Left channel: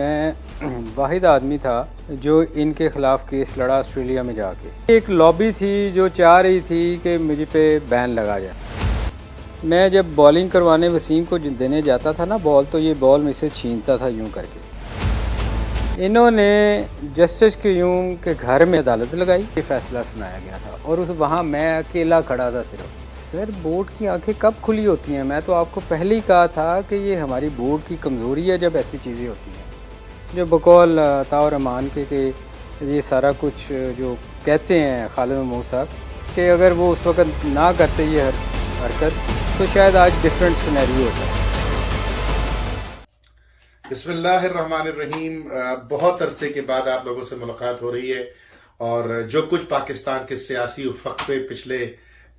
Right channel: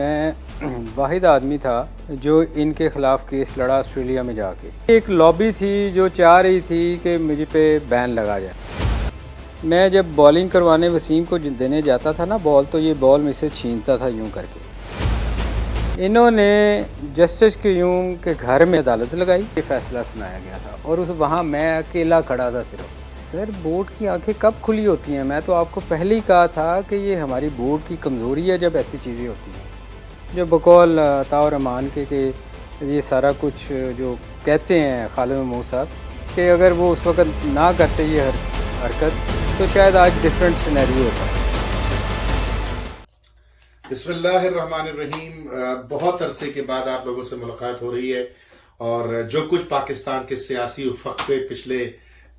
मैं वाहिद आदमी था जो इनके ख़िलाफ़ केस लड़ा ऑस्ट्रेलिया में जाके। एक लॉबी थी जो चाह रही थी कि मुझे पे बैन लगा जाए। मैं जब बॉलिंग करवाने वसीम को देने जाता था ना बॉल, तो ये बॉल मुझसे छीनता था यूं करके। इन्होंने जस्टिस क्यूम के घर में अदालत लगाई, ये फ़ैसला सुनाया गया था और उस वहाँ मैं अकेला खड़ा था सिर्फ। सर, बोर्ड की आंखें कब खुली होती हैं? मैं तो आपको पहले ही कहा था कि ये हमारी बोर्ड की कमज़ोरी है जब ऐसी चीज़ें होती हैं। जो बकौल ताउर रहमान के ये सारा कुछ जो कहते हैं खालिद महमूद साहब कि अगर वो उस वक़्त ना करते ये हरकत तो शायद आज डिफरेंट सिनेरियो होता है। बिस्मिल्लाहिर्रहमानिर्रहीम। बहुत अरसे के बाद आप लोगों से मुलाकात हो रही है और जो कुछ पाकिस्तान के सियासी उफ़क़ पे पिछले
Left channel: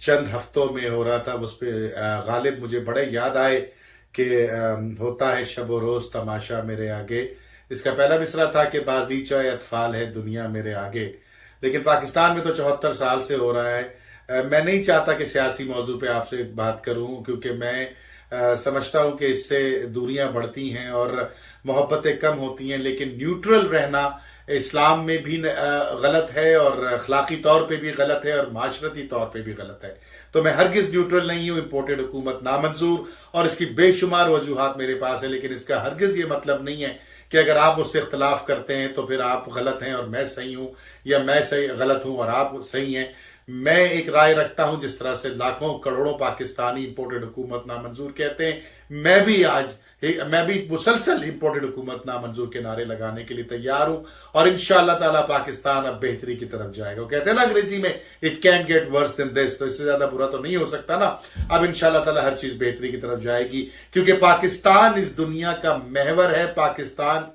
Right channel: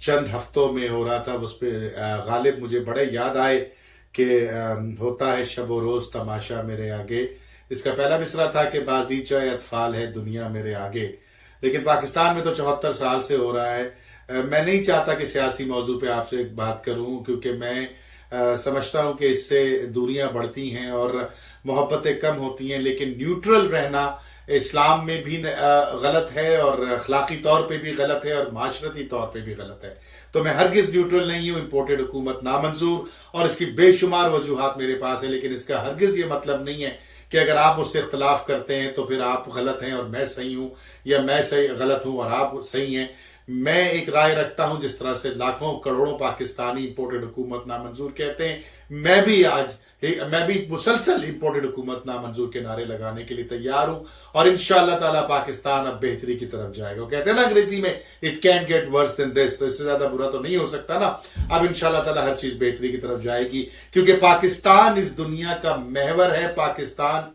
चंद हफ्तों में हो रहा था उस पर गालिब मुझे बड़े याद आए कि होता है शब व रोज़ तमाशा मेरे आगे। इसका पहला मिसरा था कि बाज़ीचा अतफाल है दुनिया मेरे आगे। लेकिन पाकिस्तान में तो 74 साल से हो रहा है। मैं नहीं चाहता कि सियासी मौजू पे आपसे बात करूं, क्योंकि मैं समझता हूं कि इससे दूरियां बढ़ती हैं और मोहब्बतें कम होती हैं। लेकिन न्यूट्रल रहना इस्लाम में भी गलत है और अखलाकी तौर पे भी गलत है और माशरती तौर पे भी गलत है। तो मैं हरगिज न्यूट्रल नहीं हूं। इम्पोर्टेड हुकूमत नामंजूर और इसकी बेशुमार वजूहात मेरे पास है, लेकिन इसका हरगिज ये मतलब नहीं है कि अगर आप उससे इख्तलाफ करते हैं तो फिर आप गलत हैं और मैं सही हूं, या मैं सही गलत हूं और आप सही हैं। मैं एक राय रखता हूं जिस तरह से लाखों करोड़ों पाकिस्तानी इंपोर्टेड हुकूमत नामंजूर कहते हैं, मैं भी मुसलसल इंपोर्टेड हुकूमत नामंजूर के नारे लगाने के लिए तैयार हूं और इंशाअल्लाह ताला पाकिस्तान अब बेहतरी की तरफ जाएगा। वो कहते हैं ना अंग्रेजी में, it can get worse than this, तो इससे ज्यादा बुरा तो नहीं हो सकता ना। अब इंशाअल्लाह ताला हर चीज बेहतरी की तरफ जाएगी, क्योंकि पाकिस्तान इस दुनिया का महवर है। पाकिस्तान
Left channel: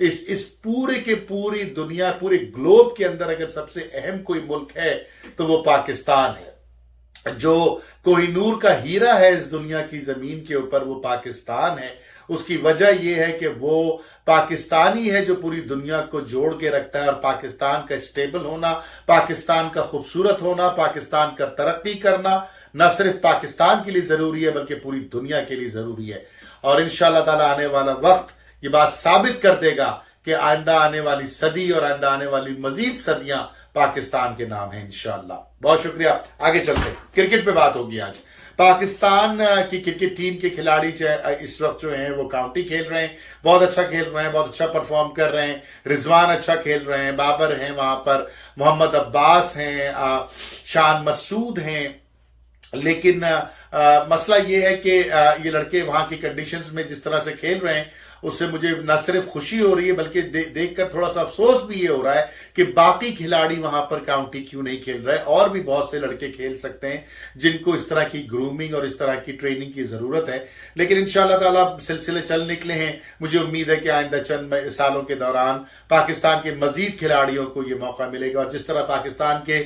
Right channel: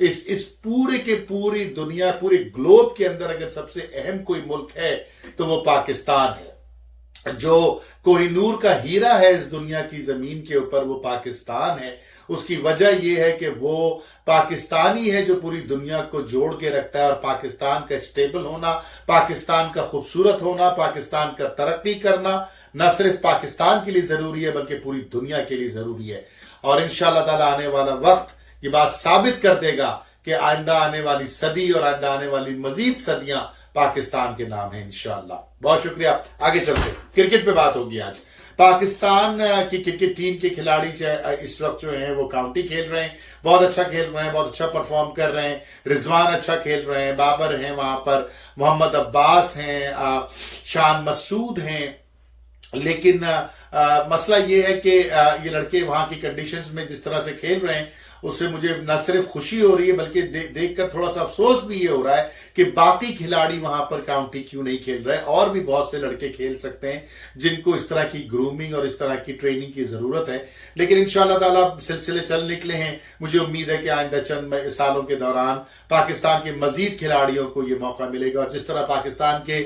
इस पूरे के पूरी दुनिया, पूरे ग्लोब के अंदर अगर सबसे अहम कोई मुल्क है तो वो पाकिस्तान है। जो कोहिनूर का हीरा है इस दुनिया की जमीन के ऊपर, वो पाकिस्तान है। उसकी वजह यह है कि वो पाकिस्तानी है जो पूरी दुनिया को जोड़ के रखता है। और पाकिस्तान का स्टेबल होना, पाकिस्तान का खूबसूरत होना, पाकिस्तान का तरक्की करना न सिर्फ पाकिस्तान के लिए जरूरी है बल्कि पूरी दुनिया के लिए जरूरी है। और इंशाअल्लाह ताला आने वाला वक्त ये बात साबित कर देगा कि आइंदा आने वाली सदी और आइंदा आने वाली मजीद सदियां पाकिस्तान के नाम है इंशाअल्लाह। बहुत शुक्रिया। आगे चलते, क्रिकेट पे बात होगी आज। पाकिस्तान की क्रिकेट टीम के खिलाड़ी इस वक्त जो हैं वो काउंटी खेल रहे हैं, बहुत अच्छा खेल रहे हैं, बहुत अच्छा परफॉर्म कर रहे हैं। रिजवान अच्छा खेल रहे हैं, बाबर हैं वहां पर, मोहम्मद अब्बास हैं, शान मसूद हैं। लेकिन मसला ये है कि ये लड़के वहां की कंडीशंस में जिस तरह से खेल रहे हैं उससे मुझे न सिर्फ खुशी हो रही है बल्कि देखकर थोड़ा सा अफसोस भी ये हो रहा है कि बाकी खिलाड़ी वहां पर काउंटी क्यों नहीं खेल रहे। और भी बहुत से लड़के खेल सकते हैं जिनको इस तरह की ग्रूमिंग और इस तरह की ट्रेनिंग की जरूरत है। लेकिन इंशाअल्लाह ताला सिलसिले चल निकले हैं। मुझे उम्मीद है कि आइंदा चंद सालों के दौरान पाकिस्तान के मजीद खिलाड़ियों को ये मौका मिलेगा। और जिस तरह पाकिस्तान के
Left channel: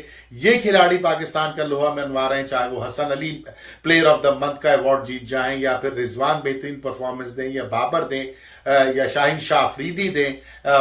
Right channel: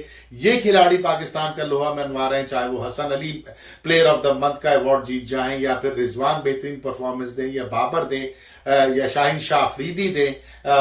ये खिलाड़ी पाकिस्तान का लोहा मनवा रहे हैं, चाहे वो Hasan Ali player of the month का अवार्ड जीत जाएं, या फिर रिजवान बेहतरीन परफॉर्मेंस दें, या बाबर दें, या शाहीन शाह अफरीदी दें,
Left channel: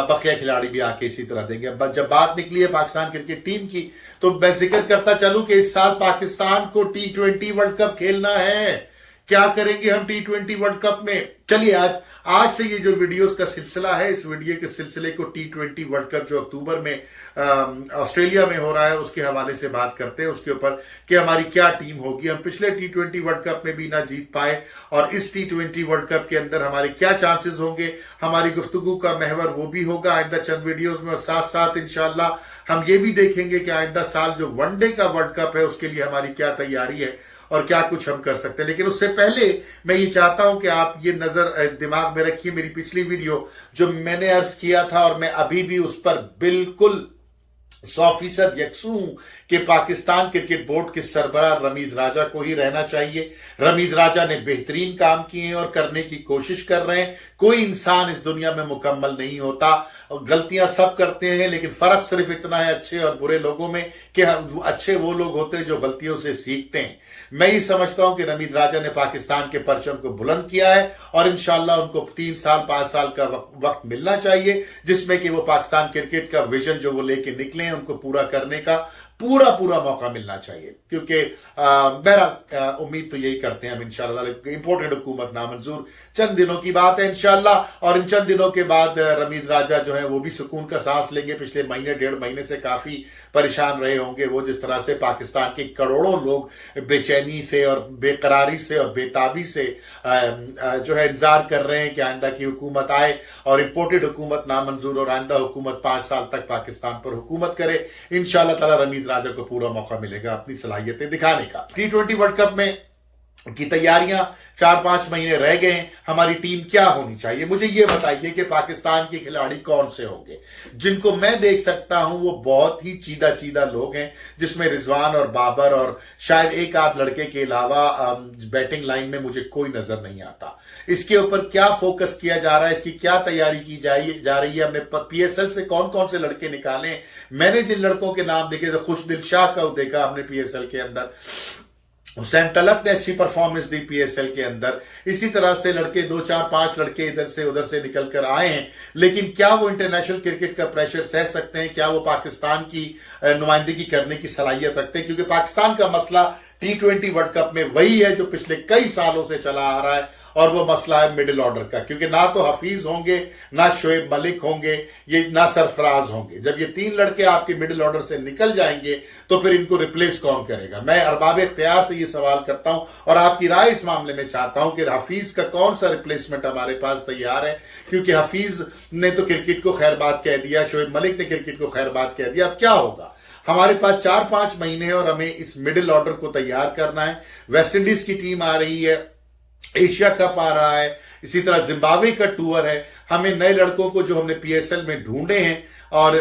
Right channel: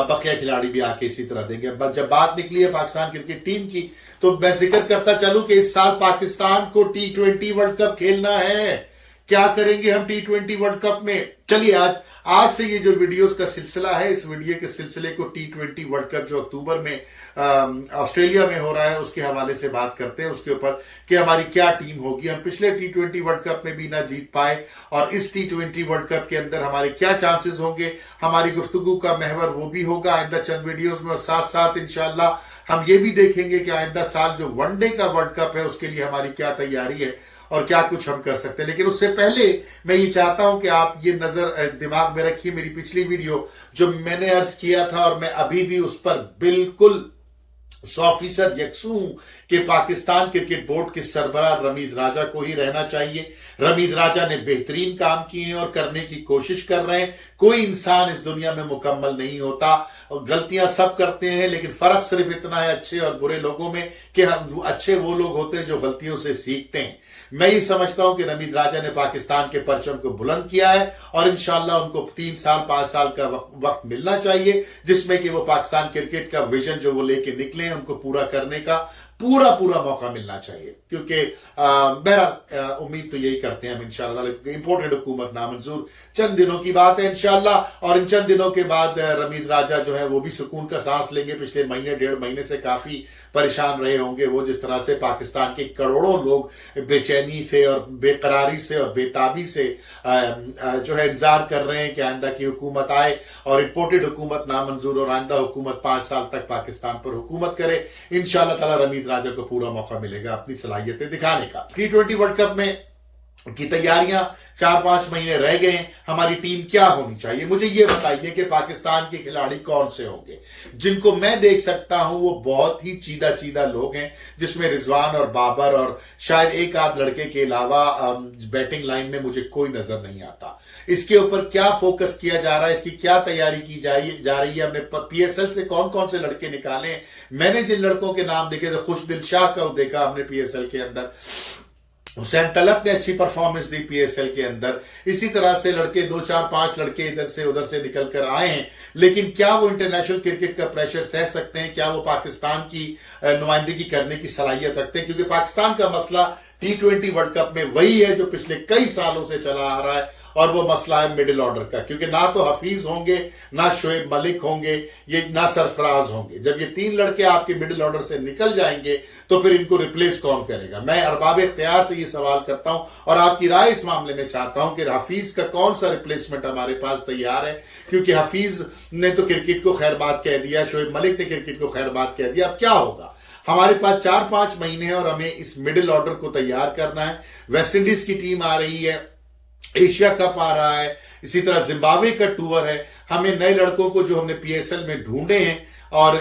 बकिया खिलाड़ी भी आके इसी तरह देंगे। जब बात निकली है पाकिस्तान क्रिकेट टीम की, तो मैं जिक्र करता चलूं कि इस साल पाकिस्तान को T20 वर्ल्ड कप खेलना है। क्या करेंगे हम T20 वर्ल्ड कप में? चलिए आज से ये जो वीडियोस का सिलसिला है, इस वीडियो के सिलसिले को T20 वर्ल्ड कप जो अक्टूबर में ऑस्ट्रेलिया में हो रहा है उसके हवाले से बात करते हैं, उसके ऊपर कि हमारी क्या टीम होगी। हम पिछले T20 वर्ल्ड कप में भी ना जीत पाए और इस T20 वर्ल्ड कप के अंदर हमारे क्या चांसेस होंगे, हमारी गुफ्तगू का महवर वो भी होगा आइंदा चंद वीडियोज में। और साथ साथ इंशाअल्लाह हम ये भी देखेंगे कि आइंदा साल जो वनडे का वर्ल्ड कप है उसके लिए हमारी क्या तैयारी है और क्या कुछ हम कर सकते हैं। लेकिन उससे पहले मैं ये चाहता हूं कि आप ये नजर दिमाग में रखिए, मेरी पिछली वीडियो जो मैंने अर्ज किया था और मैं अभी भी उस पर बिल्कुल 100% यकसू हूं कि पाकिस्तान क्रिकेट बोर्ड के सरबराह रमीज राजा को ही रहना चाहिए। रमीज राजा ने बेहतरीन काम किए हैं और करने की कोशिश कर रहे हैं। कोई इंसान इस दुनिया में मुकम्मल नहीं होता और गलतियां सब करते हैं, लेकिन फर्क सिर्फ इतना है अच्छे और बुरे लोगों में कि अच्छे वो लोग होते हैं जो गलतियों से सीखते हैं। मैं ये समझता हूं कि रमीज राजा ने पाकिस्तान के परचम को बुलंद किया है और इंशाअल्लाह उनको 3 साल 5 साल का वक्त मिलना चाहिए जिसमें कि वो पाकिस्तान क्रिकेट का विजन जो वो लेके निकले हैं उनको पूरा करने का पूरा पूरा मौका मिलना चाहिए, क्योंकि बहरहाल उम्मीद तो यही करते हैं हम इंशाल्लाह। इंपोर्टेड हुकूमत नामंजूर, चंद दिनों की बात है इंशाल्लाह, और इन चंद दिनों के बाद रमीज राजा जो है वो भी सुकून का सांस लेंगे। पिछले महीने 1.5 महीने से काफी परेशान रहे होंगे वो, जिस तरह से पाकिस्तान के करोड़ों लोग बेचैनी से और बेकरारी से और बेताबी से जो है इंतजार कर रहे हैं कि आइंदा की हुकूमत आए और इंपोर्टेड हुकूमत नामंजूर, और आइंदा हुकूमत 5 साल तक पाकिस्तान पर हुकूमत करे। इंशाल्लाह ताला रमीज राजा को पूरा मौका मिलेगा अपनी सलाहियतें दिखाने का। T20 वर्ल्ड कप में की तैयारियां 4-5 महीने रह गए हैं। हमारी टीम क्या होनी चाहिए, मुझे ये बताइए कि पाकिस्तान के खिलाड़ी कौन से होंगे। जिनको मैं देख सकता हूं वो बहुत ही चीदा चीदा लोग हैं, जिसमें रिजवान और बाबर और शायद एक आध लड़के के अलावा बैटिंग लाइन में मुझे कोई नजर नहीं आता। इसके ऊपर क्या फोकस किया जा रहा है, इसकी क्या तैयारी की जा रही है। हमने PSL से कौन कौन से लड़के निकाले। मैंने जिन लड़कों के नाम देखे तो खुशदिल शाह का देखा हमने PSL के अंदर, हुसैन तलब ने अच्छी परफॉर्मेंस दी PSL के अंदर। इसी तरह से लड़के 2-4-5 लड़के इधर से उधर से निकल कर आए हैं, लेकिन क्या वो इंटरनेशनल क्रिकेट का प्रेशर सह सकते हैं, क्या वो पाकिस्तान की नुमाइंदगी करने की सलाहियत रखते हैं। क्योंकि पाकिस्तान का मसला T20 वर्ल्ड कप में वही है जो पिछले कई सालों से चला आ रहा है, और वो मसला है मिडिल ऑर्डर का। क्योंकि ना तो हफीज होंगे, ना शोएब मलिक होंगे, ये ना सरफराज होंगे। जब ये 3 लड़के आपके मिडिल ऑर्डर से निकल जाएंगे तो फिर इनको रिप्लेस कौन करेगा। मैं अरबाब इख्तियार से ये सवाल करता हूं और आपकी राय इस मामले में चाहता हूं कि हफीज का कौन सा रिप्लेसमेंट हमारे पास तैयार है। क्योंकि हफीज ने तो क्रिकेट को खैरबाद कह दिया, शोएब मलिक ने क्रिकेट को खैरबाद कह दिया। अब क्या होगा। हमारे पास 4-5 महीने हैं और हमें इस मिडिल ऑर्डर को तैयार करना है। वेस्ट इंडीज की टीम आ रही है, एशिया कप आ रहा है, इसी तरह जिम्बाब्वे का टूर है। हमें नए लड़कों को जो हमने PSL में ढूंढे हैं, और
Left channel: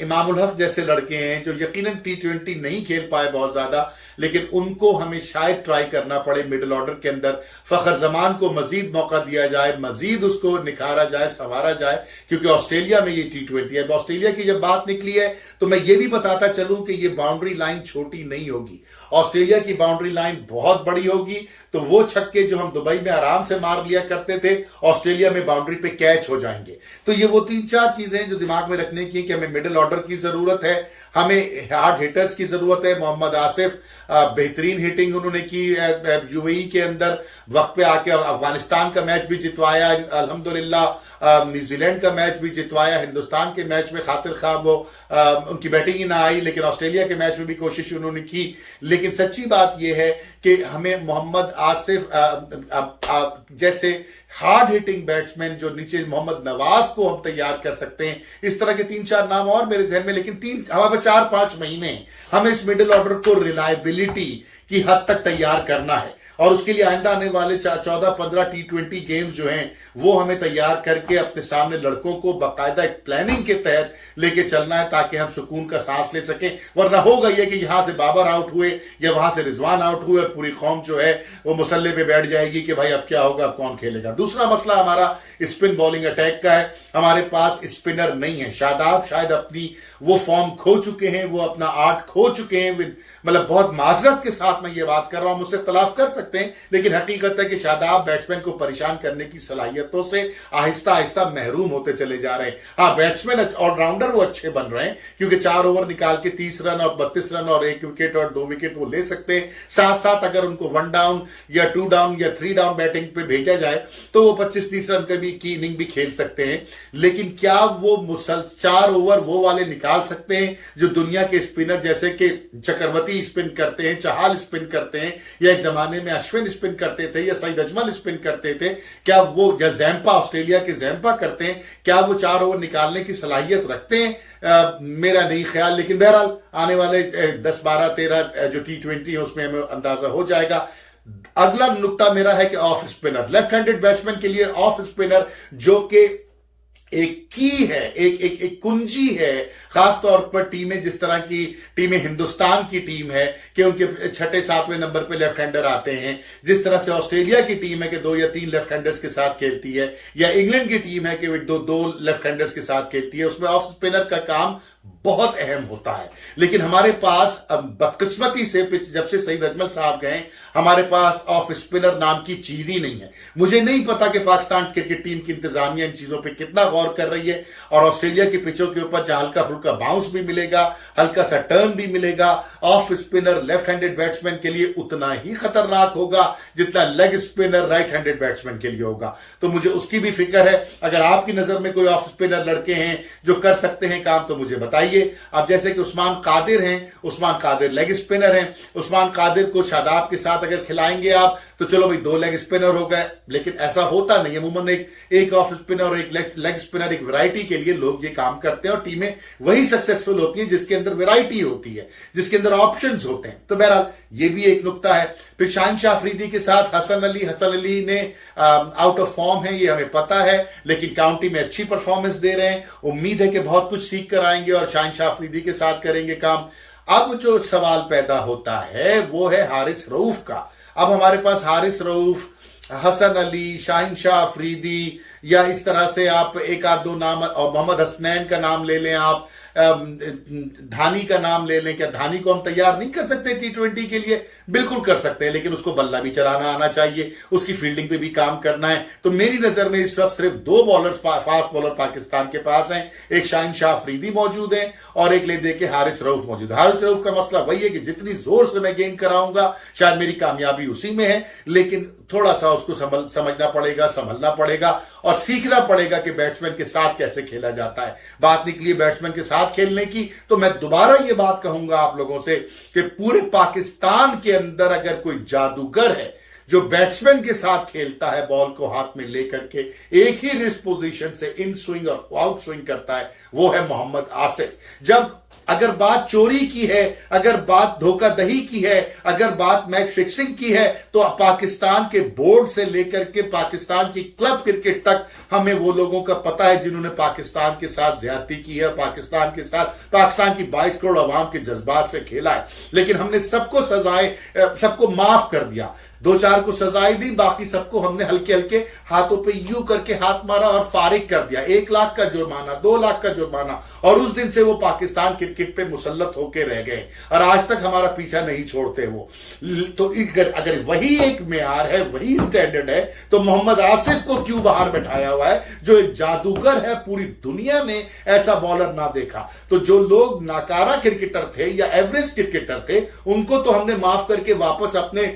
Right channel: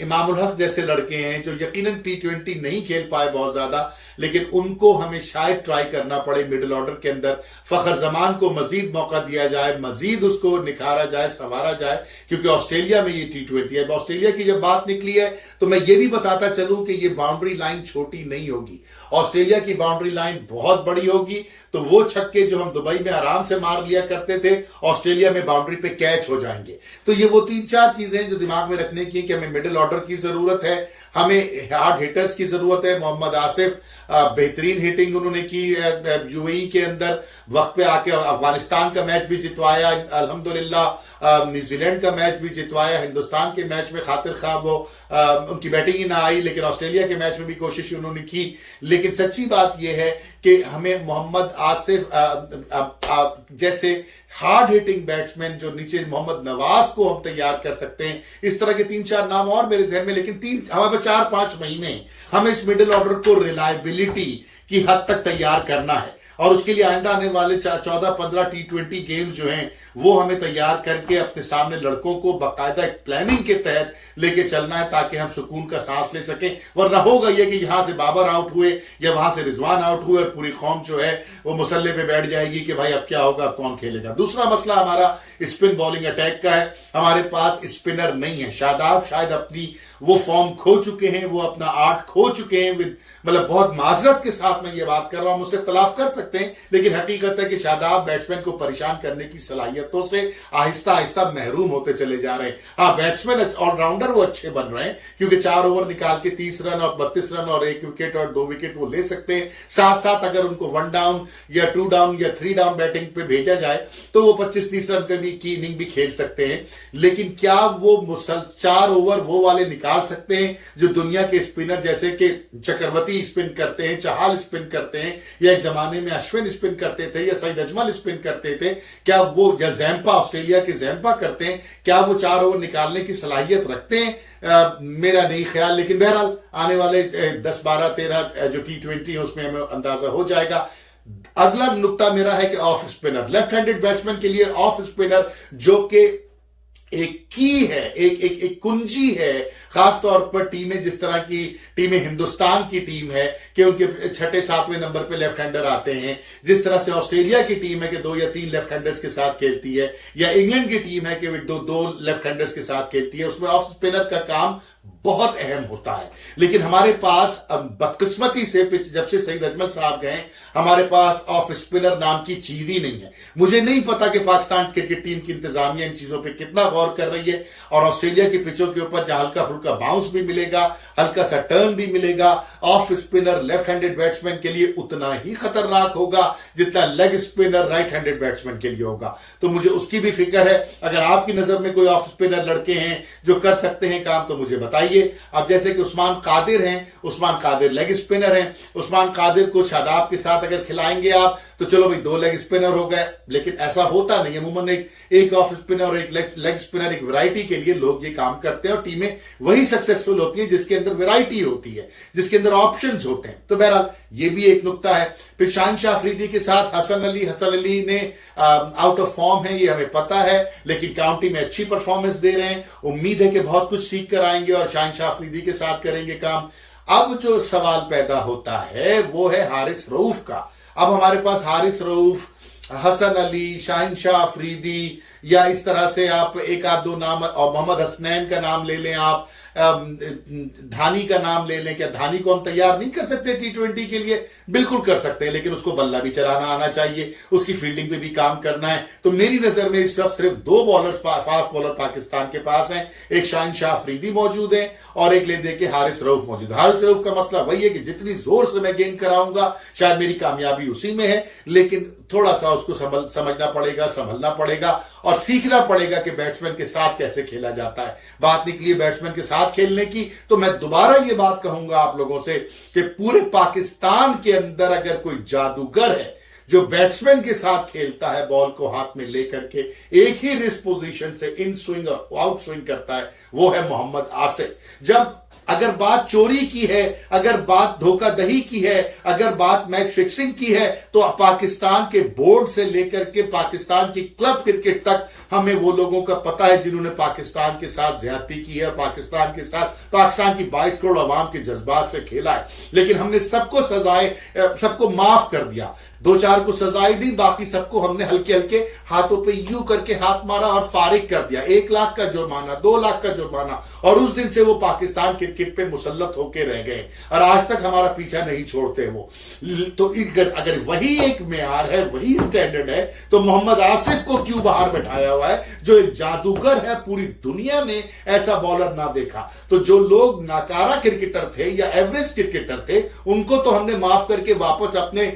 इमामुल हक जैसे लड़के हैं जो यकीनन T20 नहीं खेल पाए बहुत ज्यादा, लेकिन उनको हमें शायद ट्राई करना पड़े मिडिल ऑर्डर के अंदर। फखर जमान को मजीद मौका दिया जाए, मजीद उसको निखारा जाए, संवारा जाए, क्योंकि ऑस्ट्रेलिया में ये T20 है। ऑस्ट्रेलिया की जब बात निकली है तो मैं ये भी बताता चलूं कि ये बाउंड्री लाइन छोटी नहीं होगी। ऑस्ट्रेलिया की बाउंड्री लाइन बहुत बड़ी होगी। तो वो छक्के जो हम दुबई में आराम से मार लिया करते थे, ऑस्ट्रेलिया में बाउंड्री पे कैच हो जाएंगे। तो ये वो 3-4 चीजें जो दिमाग में रखने की कि हमें मिडिल ऑर्डर की जरूरत है, हमें हार्ड हिटर्स की जरूरत है। मोहम्मद आसिफ बेहतरीन हिटिंग उन्होंने की UAE के अंदर, वक्त पे आके अफगानिस्तान का मैच भी जितवाया, अल्हम्दुलिल्लाह न्यूजीलैंड का मैच भी जितवाया। हिंदुस्तान के मैच में खातिर खा वो उनकी बैटिंग ही ना आई, लेकिन ऑस्ट्रेलिया के मैच में भी कोशिश उन्होंने की। लेकिन सच्ची बात यह है कि हमें मोहम्मद आसिफ जैसे हार्ड हिटिंग बैट्समैन जो नीचे मोहम्मद नवाज को हम तैयार कर सकते हैं। इस तरह के 3-4 नाम और मेरे जहन में, लेकिन हमारे 4-5 महीने हमें इस मिडिल ऑर्डर को रिलायबिलिटी की हद तक तैयार करना है। और उसके लिए आइंदा आने वाले 14-15 T20 गेम्स जो हैं वो हमें तैयार करके अपने सामने लड़कों को बाकायदा एक प्लानिंग के तहत लेके चलना है, ताकि हम सुकून का सांस ले सकें। वरना होगा यह कि यहां से बाबर आउट हुए या वहां से रिजवान आउट हुए और पूरी कौम जो है वो मुसल्ले पे बैठ जाएगी कि भाई अब क्या होगा, अब कौन खेलेगा। दूसरा मसला हमारा स्पिन बॉलिंग अटैक का है। हमारे पास स्पिनर नहीं है। शादाब शायद अपनी वो फॉर्म खो चुके हैं, वो अपना आर्ट खो चुके हैं। मतलब बहुत माजरत के साथ मैं ये बात कर रहा हूं, मुझसे इख्तलाफ कर सकते हैं, लेकिन हकीकत है कि शादाब बैट्समैन को परेशान करने की सलाहियतों से आहिस्ता आहिस्ता महरूम होते चले जा रहे हैं। हाँ, बैट्समैन ऑलराउंडर वो अच्छे बन रहे हैं, क्योंकि 4 ओवर निकाल के 30 रन और 32 रन और 1 विकेट और 2 विकेट वो ले सकते हैं। साथ साथ अगर उनको 1 डाउन या 2 डाउन या 3 डाउन बैटिंग पे भेजा जाए तो वो 25-30 रन की इनिंग भी खेल सकते हैं। लेकिन क्या वो 4 ओवर वो वाले निकाल सकते हैं जो दुनिया के स्पिनर जैसे कि चक्रवर्ती स्पिन करते हैं, चहाल स्पिन करते हैं, या एक जमाने में अश्विन स्पिन करते थे, या सईद अजमल स्पिन करते थे? क्या वो, या जैम्पा, ऑस्ट्रेलिया के जैम्पा करते हैं, क्या वो 4 ओवर निकालने की सलाहियत रखते हैं? मेरा नहीं ख्याल। लेकिन बहरहाल आने वाले 10, 12, 13 जो T20 है उसमें हमें अंदाजा हो जाएगा। अगला नुक्ता मेरा है कि off spinner, left handed batsman के लिए ऑफ स्पिनर जो कि एक की है, एक कुंजी है, खासतौर पर टीमें जिस तरह की टीमें हिंदुस्तान की टीम है कि उनके 6-7वें नंबर पे लेफ्ट हैंडर आते हैं, जिस तरह से ऑस्ट्रेलिया की टीम है कि 2 या 3 लेफ्ट हैंडर्स के साथ खेलती है, या इंग्लैंड की टीम है कि 2 लेफ्ट हैंडर्स के साथ खेलती है, उसमें ऑफ स्पिनर का काम बहुत अहम होता है। लेकिन हमारे पास बदकिस्मती से जब से सईद अजमल साहब गए, हमारे पास ऑफ स्पिनर नाम की चीज ही नहीं है। मुझे नहीं पता कि पाकिस्तान क्रिकेट टीम की इंतजामिया इन चीजों पे कितना गौर कर रही है, और ऑस्ट्रेलिया की पिचों के ऊपर जहां हल्का फुल्का बाउंस भी मिलेगा, हल्का सा टर्न भी मिलेगा, off spinner left handed batsman के लिए उतना ही खतरनाक होगा जितना leg spinner right handed batsman के लिए होगा। तो मुझे उसकी भी फिक्र है। अगर आपकी नजर में कोई ऑफ स्पिनर लड़के हैं जो कर सकते हैं काम, तो मुझे बताइए। अब जैसे कि उस्मान कादिर हैं, उस्मान कादिर लेग स्पिनर हैं, उस्मान कादिर को शादाब के साथ अगर खिलाएंगे आप तो चलो भाई 2 लेग स्पिनर हो गए, लेकिन ऐसा होता नहीं। अमूमन एक ऑफ स्पिनर और एक लेग स्पिनर, एक वैरायटी के लिए लोग ये काम करते हैं, और टीमें वही सक्सेसफुल होती है जिसके अंदर वैरायटी होती है, जिसके अंदर ऑप्शंस होते हैं। तो बहरहाल ये भी एक नुक्ता है। फिर शाहिनशाह अफरीदी के साथ हसन अली ने आउट ऑफ फॉर्म है, ये हमें पता है, लेकिन काउंटी में अच्छी परफॉर्मेंस दे रहे हैं। उम्मीद है कि बहुत कुछ सीख कर आएंगे और शाहिनशाह अफरीदी के साथ करेंगे काम। अब जो सवाल पैदा होता है वो है हारिस रऊफ का। अब हमारे पास हारिस रऊफ, हसन अली, शाहिनशाह अफरीदी, या इस तरह से आप एक आध दो नाम, और मोहम्मद हसनैन का नाम ले लें, आप धानी का नाम ले लें। क्या धानी को हम तैयार नहीं कर सकते T20 के लिए? बिल्कुल कर सकते हैं, लेकिन उसको बल्ला भी चलाना आना चाहिए, उसकी फील्डिंग पे भी काम करना है। तो मेरी नजर में इस वक्त सिर्फ 2 बॉलर, फास्ट बॉलर पाकिस्तान के पास हैं। एक शाहिनशाह अफरीदी मौजूद है और एक ले दे के हारिस रऊफ मौजूद है। हारिस रऊफ का मसला वही है कि जितनी जोर से मैं गेंद कराऊंगा शायद मेरी कामयाबी उसी में है, लेकिन थोड़ा सा उसको समझना पड़ेगा, संभलना पड़ेगा और सीखना पड़ेगा कि बैट्समैन के साथ कैसे खेला जाता है। बात निकली बैट्समैन के साथ खेलने की, तो मैं दोबारा ये बात कहूंगा आप लोगों से कि पूरे पाकिस्तान के अंदर अगर कोई जादूगर है जो बैट्समैन के साथ खेलता है, बॉल को हाथ में लेकर के एक ही रिस्ट पोजीशन से इन स्विंग और आउट स्विंग करता है, वो है मोहम्मद आसिफ। जब अगर बात चोरी की है, अगर बात धोखाधड़ी की है, अगर बात मैच फिक्सिंग की है, तो पाकिस्तान के बोर्ड से लेकर के पाकिस्तान की क्लब क्रिकेट तक हमें वो लोगों का पता है जिन्होंने पाकिस्तान के साथ ज्यादती की है और पाकिस्तान के साथ पाकिस्तान की 22 करोड़ आवाम के जज्बात से खेला है। लेकिन हमने सबको सबको माफ कर दिया, 2-4 को सजाएं दी, बाकी सबको हमने हल्के हल्के हाथों पे यूं करके हाथ मारा और फारिग कर दिया। 1 लाख का जुर्माना, 2 लाख का जुर्माना, और उस दिन से वो पाकिस्तान क्रिकेट पे मुसल्लत होके रह गए और आज तक हमारा पीछा नहीं छोड़ते वो। तो अगर वही एक मेयार है, वही स्टैंडर्ड है, तो मोहम्मद आसिफ को क्यों बाहर बैठाया हुआ है, जो एक जादूगर है? पूरी दुनिया ने ऐसा बॉलर ना देखा। तो जो लोग नाकारा क्रिकेटर थे या एवरेज क्रिकेटर थे, उनको तो हमने माफ करके वापस अपने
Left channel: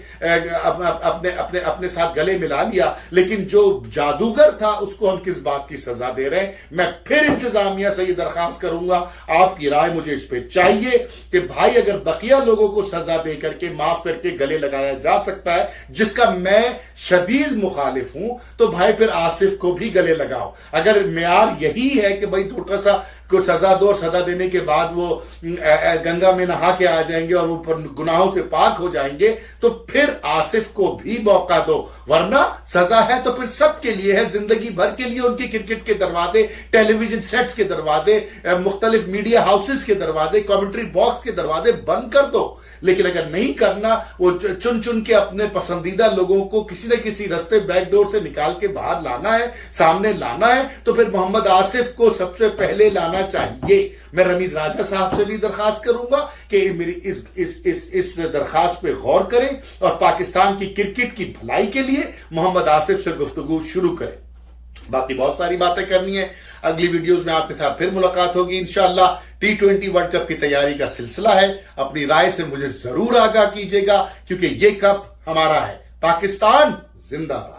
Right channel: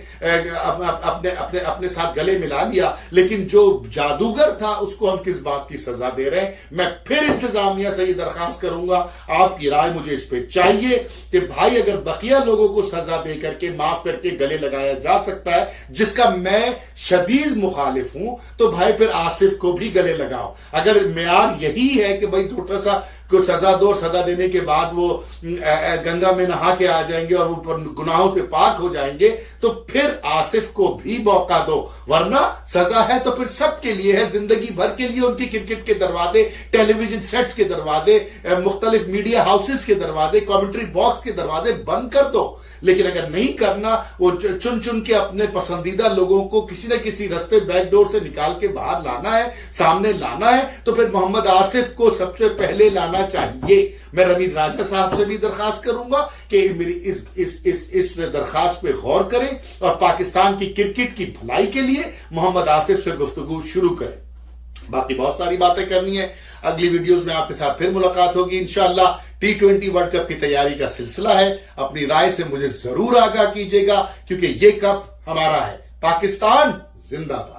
साथ गले मिला लिया, लेकिन जो जादूगर था उसको हम किस बात की सजा दे रहे हैं? मैं फिर इंतजामिया से ये दरखास्त करूंगा, आपकी राय मुझे इस पे चाहिए कि भाई अगर बकिया लोगों को सजा दे करके, माफ करके गले लगाया जा सकता है, जिसका मैं शदीद मुखालिफ हूं, तो भाई फिर आसिफ को भी गले लगाओ। अगर मेयार यही है कि भाई थोड़ा सा को सजा दो, सजा देने के बाद वो गंगा में नहा के आ जाएंगे और वो गुनाहों से पाक हो जाएंगे, तो फिर आसिफ को भी मौका दो। वरना सजा है तो फिर सबके लिए है, जिंदगी भर के लिए उनके क्रिकेट के दरवाजे, टेलीविजन सेट्स के दरवाजे, मुख्तलिफ मीडिया हाउसेस के दरवाजे, कमेंट्री बॉक्स के दरवाजे बंद कर दो। लेकिन अगर नहीं करना, वो चुन चुन के अपने पसंदीदा लोगों को किसी न किसी रास्ते बैकडोर से निकाल के बाहर लाना है, सामने लाना है, तो फिर मोहम्मद आसिफ को सबसे पहले लाना चाहिए। मैं रमीज राजा साहब से भी दरखास्त करूंगा कि मेरी इस दरखास्त पे गौर करें और पाकिस्तान की क्रिकेट की भलाई के लिए मोहम्मद आसिफ से गुफ्तगू शुरू करें। बाकी बहुत सारी बातें करनी है, अगली वीडियोस में आपके साथ फिर मुलाकात होगी इंशाअल्लाह। T20 वर्ल्ड कप की तैयारी का सिलसिला है, अपनी राय से मुझे जरूर आगाह कीजिएगा, क्योंकि ये कप हमारा है। पाकिस्तान जिंदाबाद।